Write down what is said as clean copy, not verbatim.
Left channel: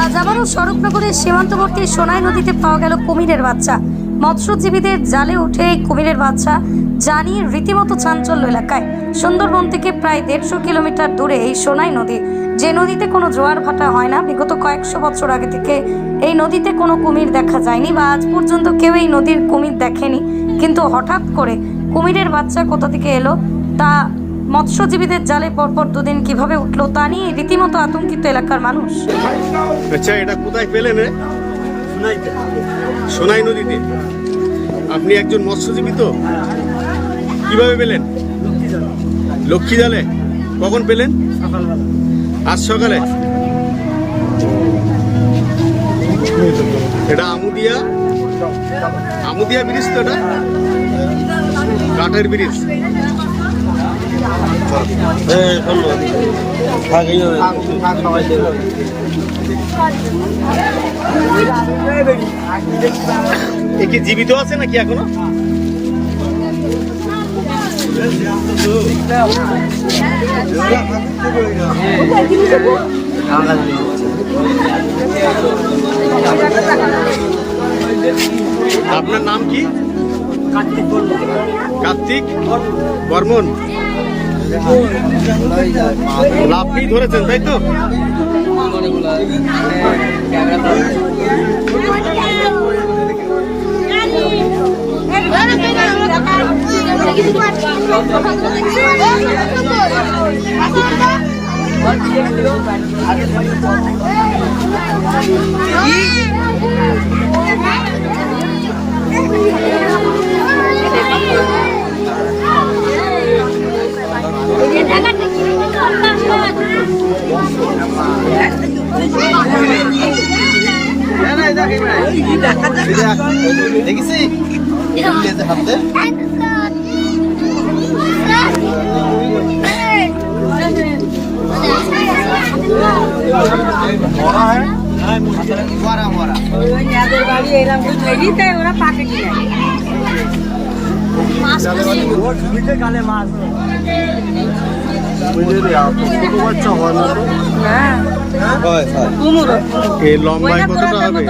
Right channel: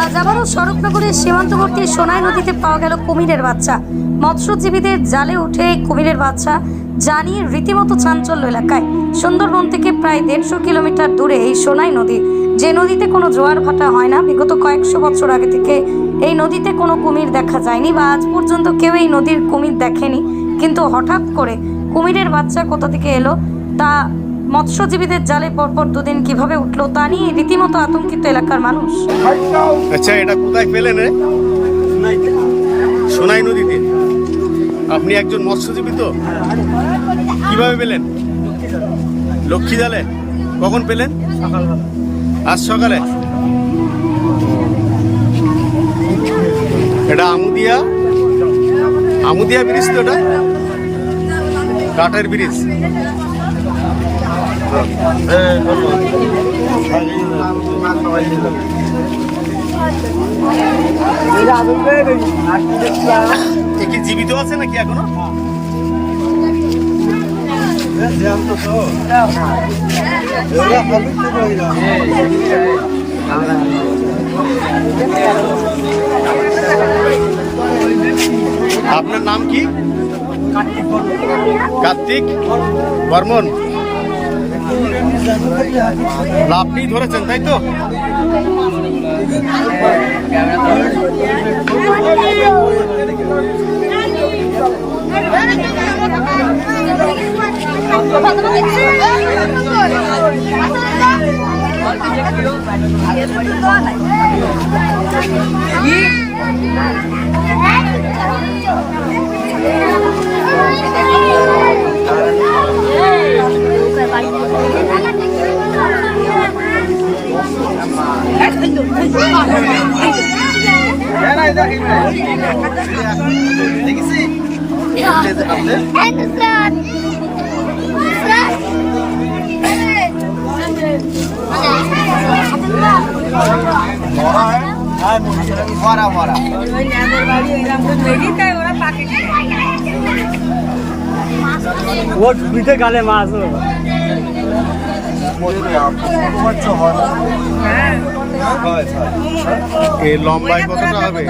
আজ আবারও স্বরূপনগরের সীমান্তবর্তী সোনাই নদীতে পাওয়া গেল কুমিরের বাচ্চা। মৎস্যজীবীদের জালে উঠে এই কুমিরের বাচ্চা জানিয়ে রীতিমতো চাঞ্চল্য এলাকায়। সুন্দরবন থেকে প্রায় 150 কিলোমিটার দূরে এই সোনাই নদী, যে নদীতে কোনো জোয়ার ভাটা হয় না। বিগত কয়েকশো বছর আগে থেকে এই নদীতে কোনো কুমির দেখা যায়নি বা আজ পর্যন্ত কেউ এই নদীর কুমির দেখেনি। কিন্তু হঠাৎ করে কুমিরের বাচ্চা কোথা থেকে এলো, তা মৎস্যজীবীদের জালে পরপর দুদিন কিভাবে উঠলো, তা নিয়ে রীতিমতো আতঙ্কিত এলাকার মানুষ। আচ্ছা, এটা কোথায় পেলেন রে? সোনাই নদীতে। আপনি একজন মৎস্যজীবী তো? কিভাবে পেলেন? লক্ষ্মী জালে। কখন পেলেন? সকালবেলা। আজ সকালে। এটা আমুদিয়া ব্রিজ তো? এটা কাঠের ব্রিজ। এ কি জীবিত আছে নাকি এখনো? আপনার নাম কি? কার্তিক বর্মন। আপনি ধরেছেন তাই তো? গালে মাছ এর লম্বায় কতটা হবে?